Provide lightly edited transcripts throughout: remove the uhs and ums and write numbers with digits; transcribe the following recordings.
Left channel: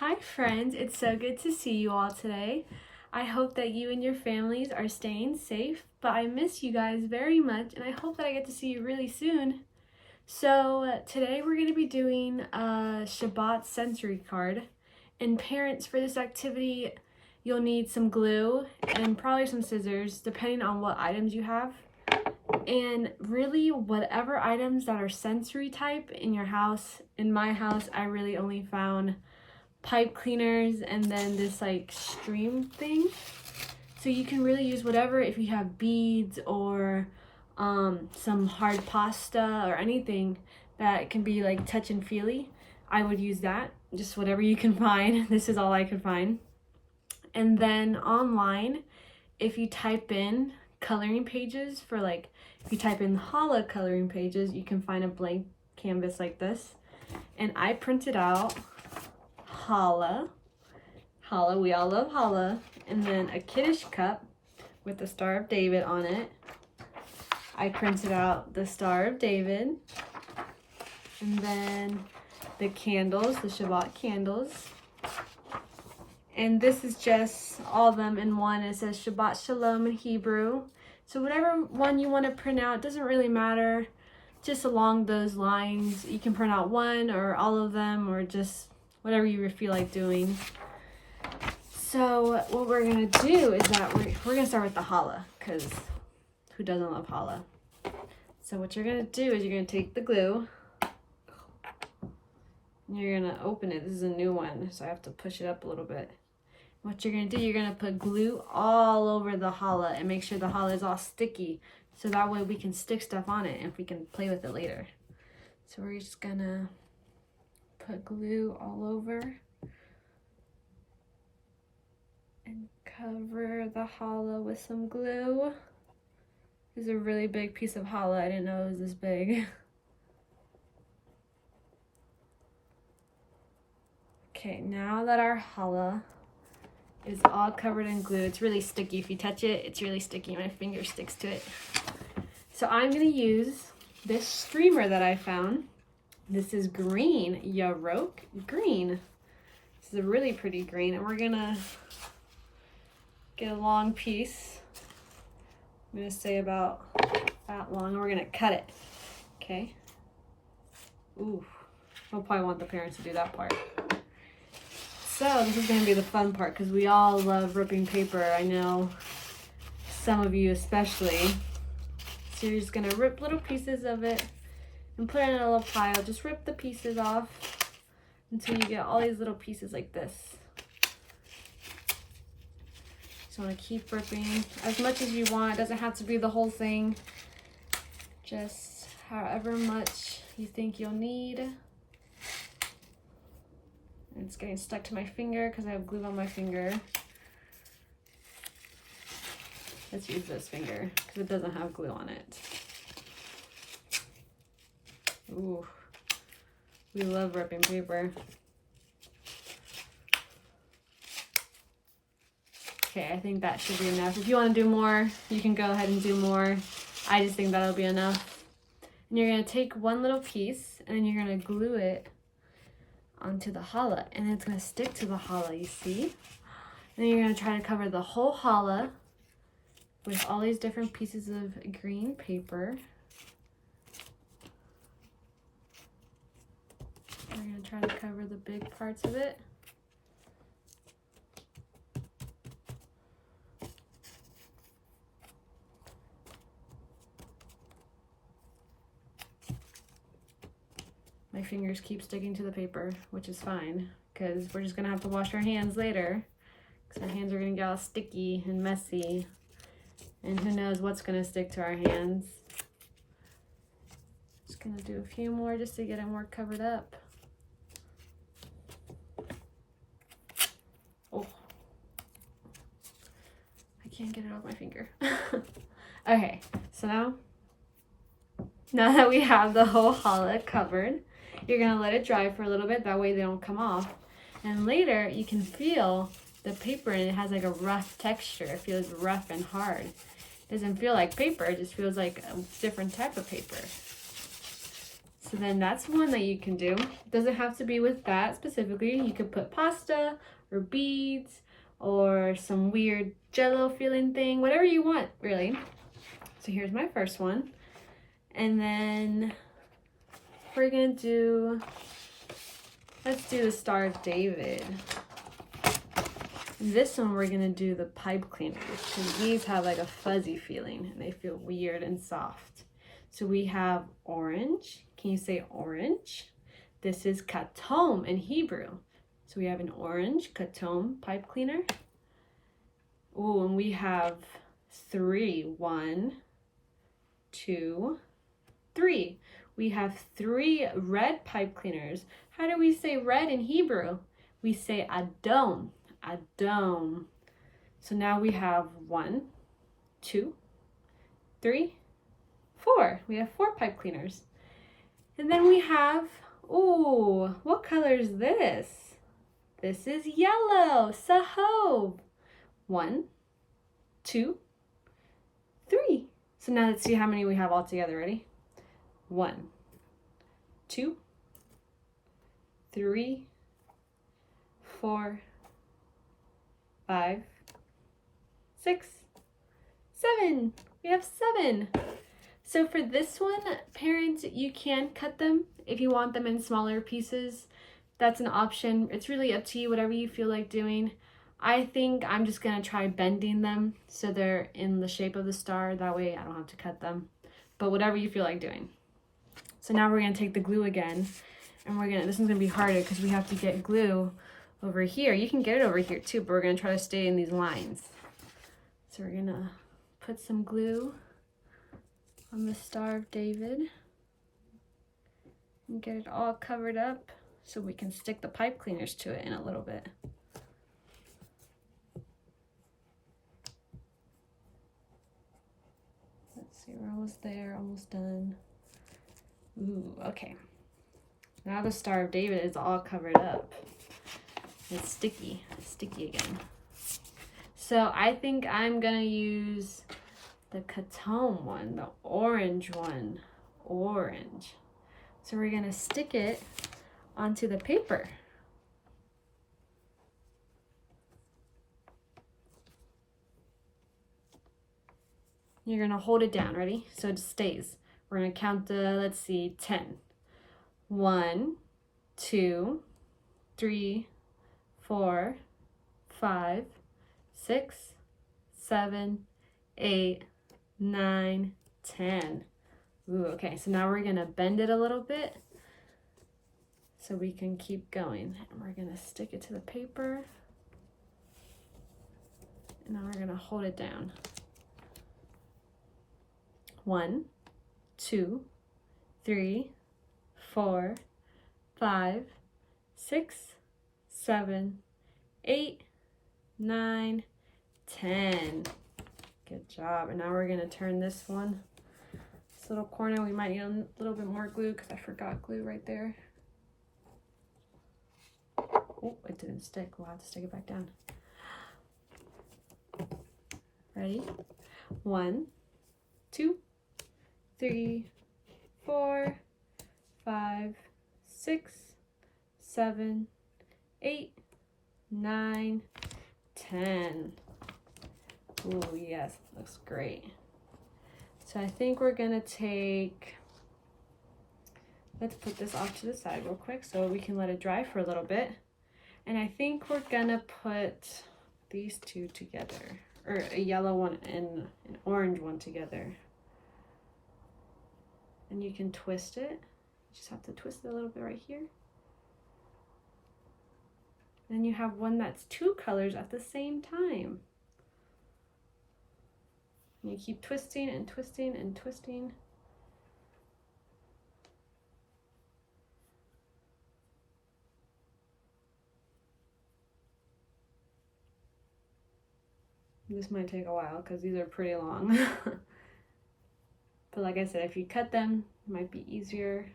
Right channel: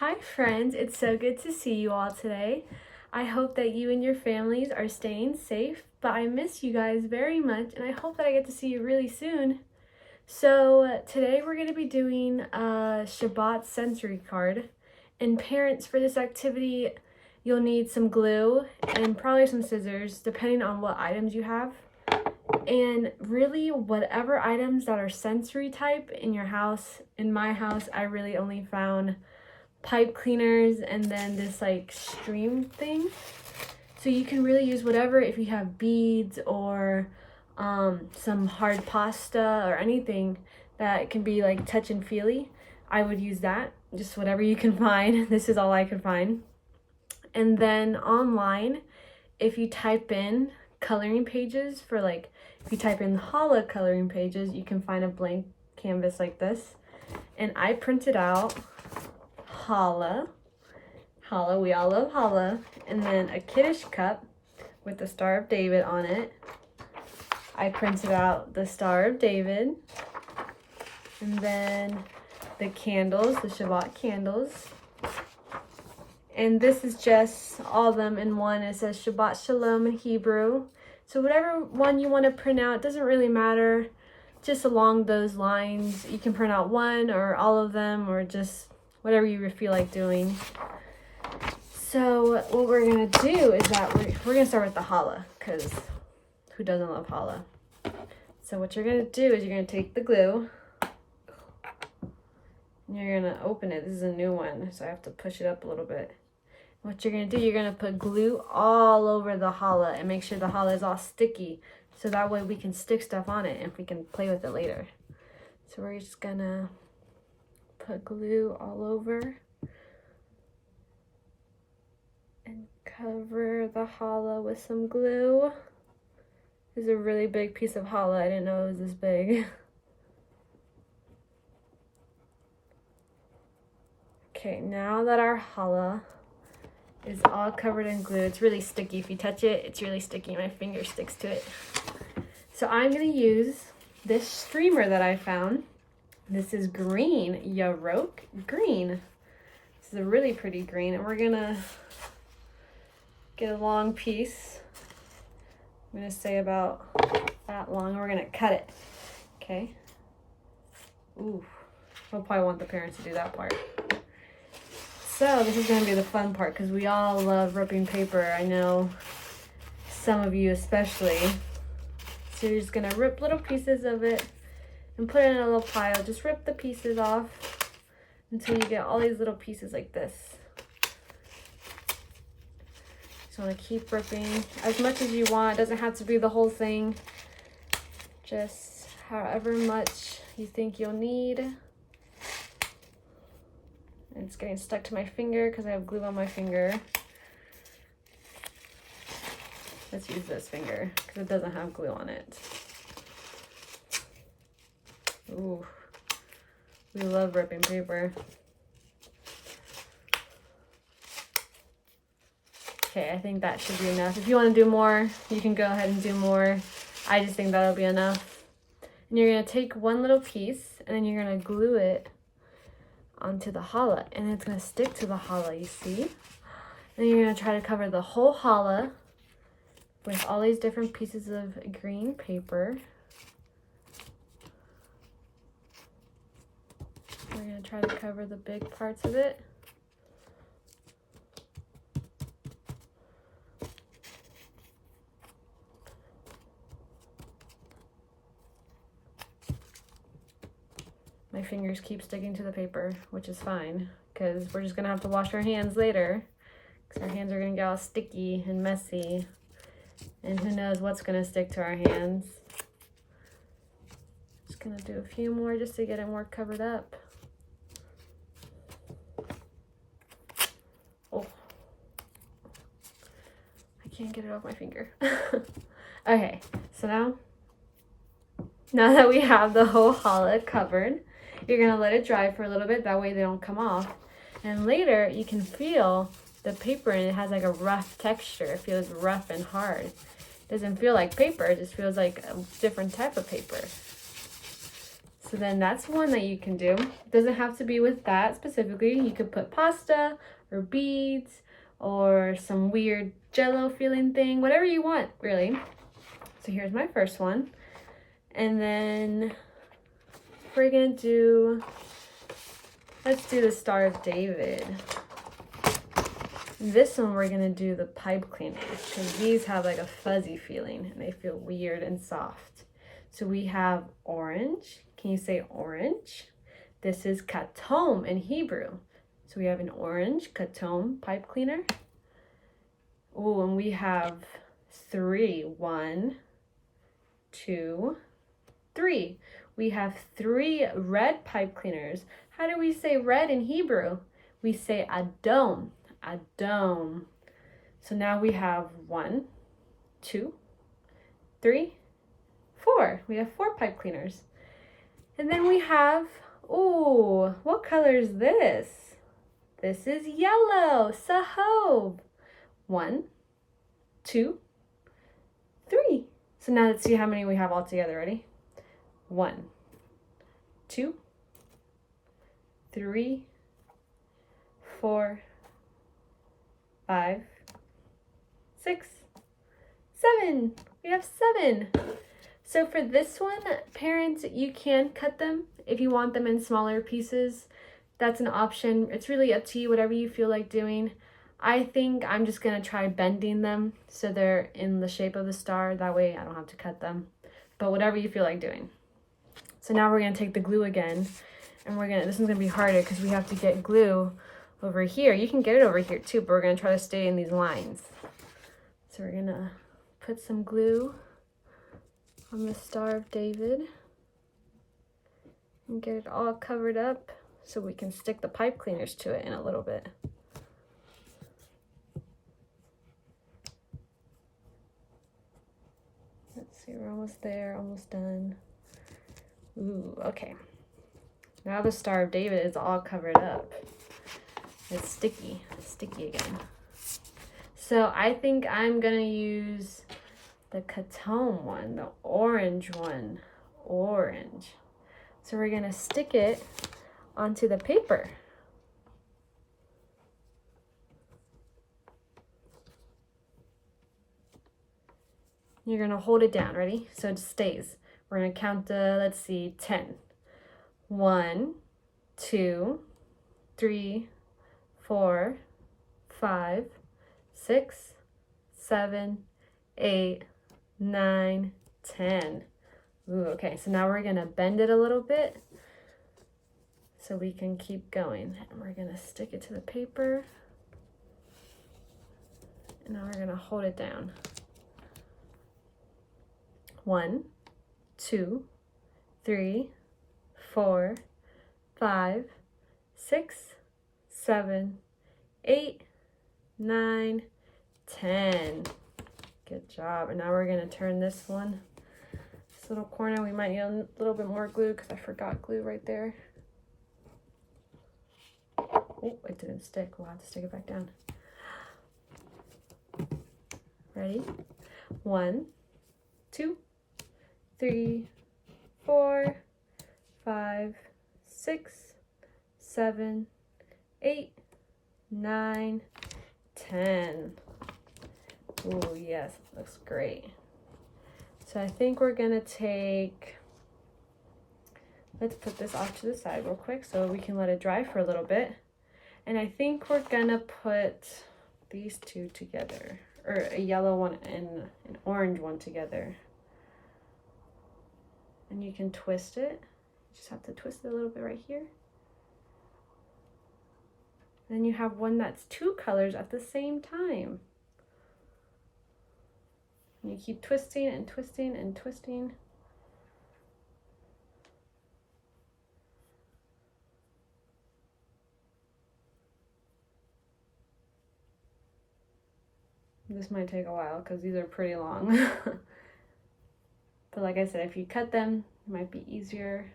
Hi friends, it's so good to see you all today. I hope that you and your families are staying safe, but I miss you guys very much and I hope that I get to see you really soon. So today we're going to be doing a Shabbat sensory card. And parents, for this activity, you'll need some glue and probably some scissors, depending on what items you have. And really, whatever items that are sensory type in your house. In my house, I really only found pipe cleaners and then this like stream thing. So you can really use whatever if you have beads or some hard pasta or anything that can be like touch and feely. I would use that, just whatever you can find. This is all I could find. And then online, if you type in coloring pages for like, if you type in challah coloring pages, you can find a blank canvas like this. And I printed out challah, we all love challah, and then a Kiddush cup with the Star of David on it. I printed out the Star of David, and then the candles, the Shabbat candles. And this is just all of them in one. It says Shabbat Shalom in Hebrew. So whatever one you want to print out, doesn't really matter. Just along those lines, you can print out one or all of them or just whatever you feel like doing. So what we're gonna do is that we're gonna start with the challah, because who doesn't love challah? So what you're gonna do is you're gonna take the glue and you're gonna open it. This is a new one, so I have to push it up a little bit. What you're gonna do, you're gonna put glue all over the challah and make sure the challah is all sticky, so that way we can stick stuff on it and we can play with it later. So we're just gonna put glue all over and cover the challah with some glue. This is a really big piece of challah. I didn't know it was this big. Okay, now that our challah is all covered in glue, it's really sticky. If you touch it, it's really sticky. My finger sticks to it. So I'm gonna use this streamer that I found. This is green, Yarok green. This is a really pretty green, and we're gonna get a long piece. I'm gonna say about that long, and we're gonna cut it, okay? Ooh, we'll probably want the parents to do that part. So this is gonna be the fun part, because we all love ripping paper. I know some of you especially. So you're just gonna rip little pieces of it and put it in a little pile. Just rip the pieces off until you get all these little pieces like this. Just want to keep ripping as much as you want. It doesn't have to be the whole thing. Just however much you think you'll need. And it's getting stuck to my finger because I have glue on my finger. Let's use this finger because it doesn't have glue on it. Ooh, we love ripping paper. Okay, I think that should be enough. If you want to do more, you can go ahead and do more. I just think that'll be enough. And you're going to take one little piece and then you're going to glue it onto the challah. And it's going to stick to the challah, you see? And then you're going to try to cover the whole challah with all these different pieces of green paper. We're going to try to cover the big parts of it. My fingers keep sticking to the paper, which is fine, because we're just going to have to wash our hands later, because our hands are going to get all sticky and messy, and who knows what's going to stick to our hands. Just going to do a few more just to get it more covered up. Oh, I can't get it off my finger. Okay, so now that we have the whole challah covered, you're going to let it dry for a little bit. That way they don't come off. And later you can feel the paper, and it has like a rough texture. It feels rough and hard. It doesn't feel like paper. It just feels like a different type of paper. So then that's one that you can do. It doesn't have to be with that specifically. You could put pasta or beads or some weird jello feeling thing, whatever you want, really. So here's my first one. And then we're gonna do, let's do the Star of David. This one we're gonna do the pipe cleaners because these have like a fuzzy feeling and they feel weird and soft. So we have orange. Can you say orange? This is katom in Hebrew. So we have an orange katom pipe cleaner. Ooh, and we have 3. 1, 2, 3. We have 3 red pipe cleaners. How do we say red in Hebrew? We say adom. Adom. So now we have 1, 2, 3, 4. We have 4 pipe cleaners. And then we have, ooh, what color is this? This is yellow, sahov. 1, 2, 3. So now let's see how many we have all together. Ready? 1, 2, 3, 4, 5, 6, 7. We have 7. So for this one, parents, you can cut them if you want them in smaller pieces. That's an option. It's really up to you, whatever you feel like doing. I think I'm just gonna try bending them so they're in the shape of the star. That way I don't have to cut them. But whatever you feel like doing. So now we're gonna take the glue again, and this one's gonna be harder because we have to get glue over here. You can get it over here too, but we're gonna try to stay in these lines. So we're gonna put some glue on the Star of David and get it all covered up so we can stick the pipe cleaners to it in a little bit. Let's see, we're almost there, almost done. Ooh, okay. Now the Star of David is all covered up. It's sticky again. So I think I'm gonna use the katom one, the orange one, orange. So we're gonna stick it onto the paper. You're gonna hold it down, ready? So it stays. We're gonna count let's see, 10. 1, 2, 3, 4, 5, 6, 7, 8, 9, 10. Ooh, okay, so now we're gonna bend it a little bit so we can keep going. And we're gonna stick it to the paper. And now we're gonna hold it down. 1, 2, 3, 4, 5, 6, 7, 8, 9, 10. Good job. And now we're gonna turn this one. This little corner, we might need a little bit more glue because I forgot glue right there. Oh, it didn't stick. We'll have to stick it back down. Ready? 1, 2, 3, 4, 5, 6, 7, 8, 9, 10. Oh yes, looks great. So I think we're gonna let's put this off to the side real quick so we can let it dry for a little bit. And I think we're gonna put these two together, or a yellow one and an orange one together. And you can twist it. You just have to twist it a little bit right here. Then you have one that's 2 colors at the same time. And you keep twisting and twisting and twisting. This might take a while because these are pretty long. But like I said, if you cut them, it might be easier.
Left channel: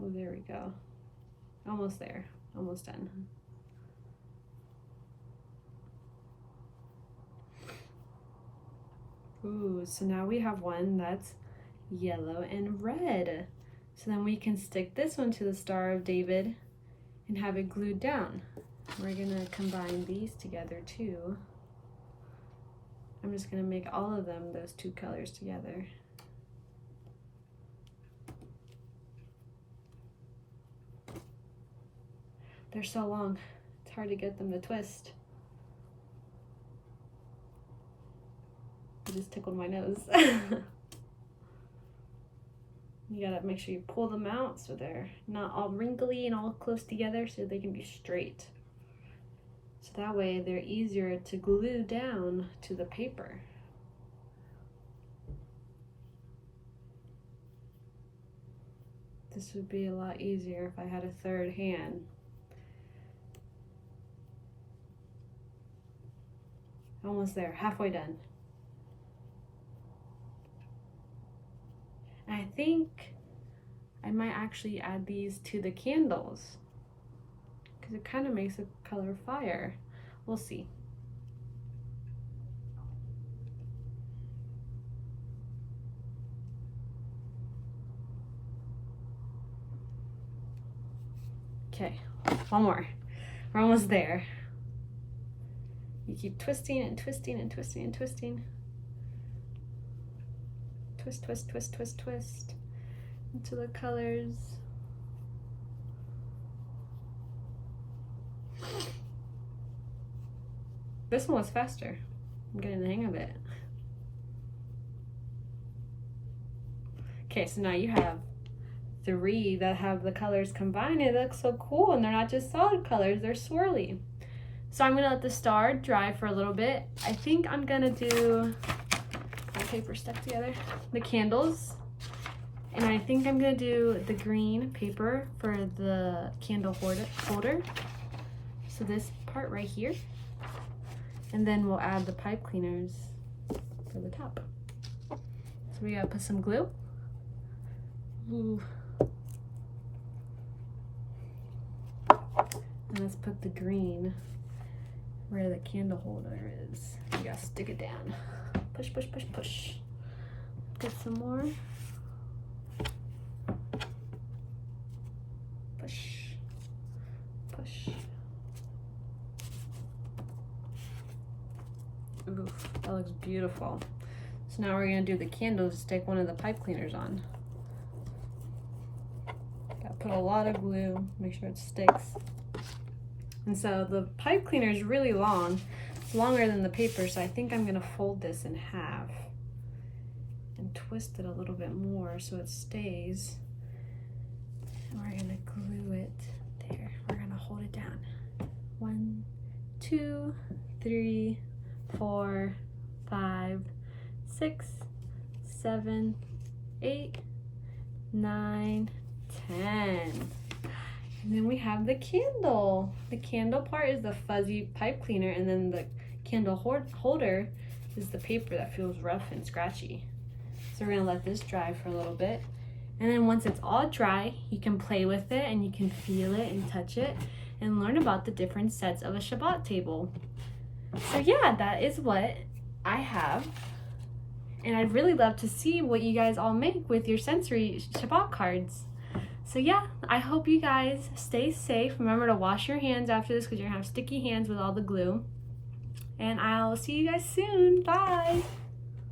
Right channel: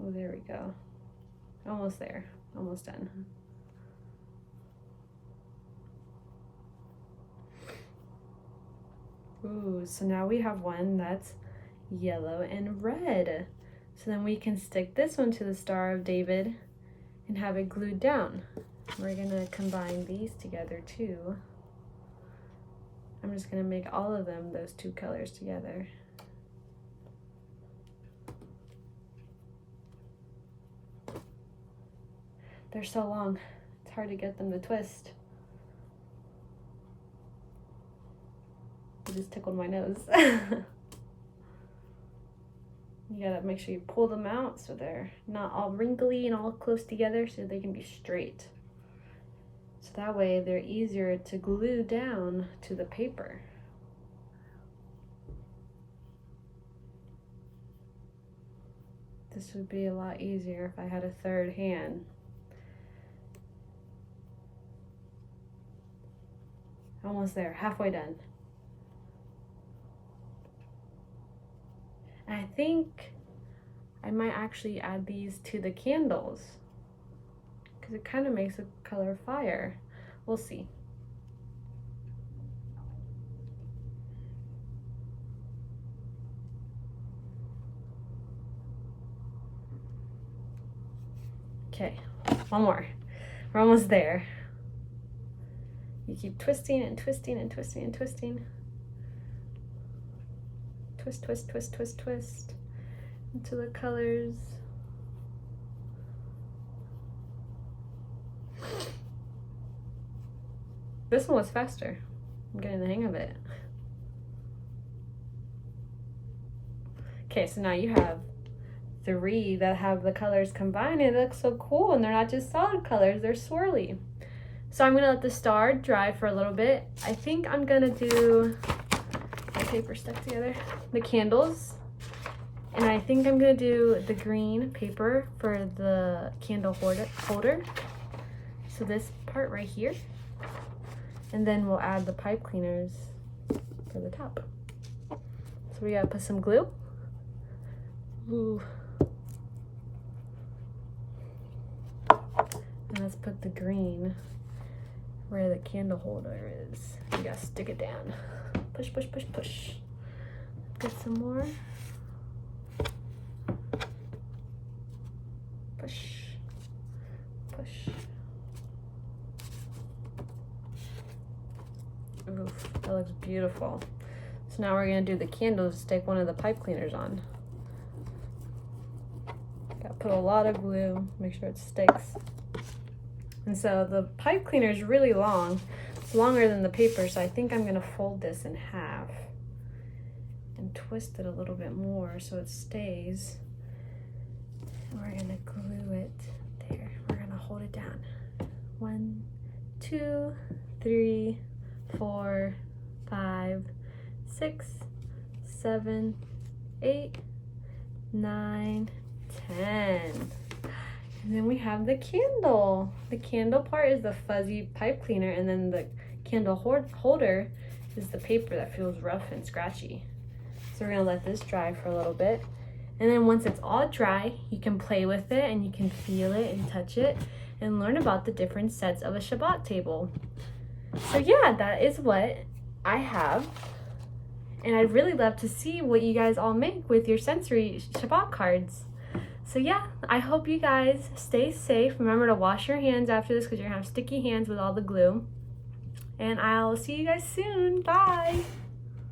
Oh, there we go. Almost there, almost done. Ooh, so now we have one that's yellow and red. So then we can stick this one to the Star of David and have it glued down. We're gonna combine these together too. I'm just gonna make all of them those two colors together. They're so long, it's hard to get them to twist. It just tickled my nose. You gotta make sure you pull them out so they're not all wrinkly and all close together, so they can be straight. So that way they're easier to glue down to the paper. This would be a lot easier if I had a third hand. Almost there, halfway done. And I think I might actually add these to the candles because it kind of makes a color fire. We'll see. Okay, one more. We're almost there. You keep twisting and twisting and twisting and twisting. Twist, twist, twist, twist, twist into the colors. This one was faster. I'm getting the hang of it. Okay, so now you have 3 that have the colors combined. It looks so cool, and they're not just solid colors, they're swirly. So I'm gonna let the star dry for a little bit. I think I'm gonna do my paper stuck together, the candles, and I think I'm gonna do the green paper for the candle holder. So this part right here, and then we'll add the pipe cleaners for the top. So we gotta put some glue. Ooh. And let's put the green where the candle holder is. You gotta stick it down. Push, push, push, push. Get some more. Push, push. Oof, that looks beautiful. So now we're gonna do the candles, stick one of the pipe cleaners on. Gotta put a lot of glue, make sure it sticks. And so the pipe cleaner is really long. It's longer than the paper, so I think I'm gonna fold this in half and twist it a little bit more so it stays. And we're gonna glue it there. We're gonna hold it down. 1, 2, 3, 4, 5, 6, 7, 8, 9, 10. And then we have the candle. The candle part is the fuzzy pipe cleaner, and then the candle holder is the paper that feels rough and scratchy. So we're gonna let this dry for a little bit. And then once it's all dry, you can play with it and you can feel it and touch it and learn about the different sets of a Shabbat table. So yeah, that is what I have. And I'd really love to see what you guys all make with your sensory Shabbat cards. So yeah, I hope you guys stay safe. Remember to wash your hands after this because you're gonna have sticky hands with all the glue. And I'll see you guys soon. Bye.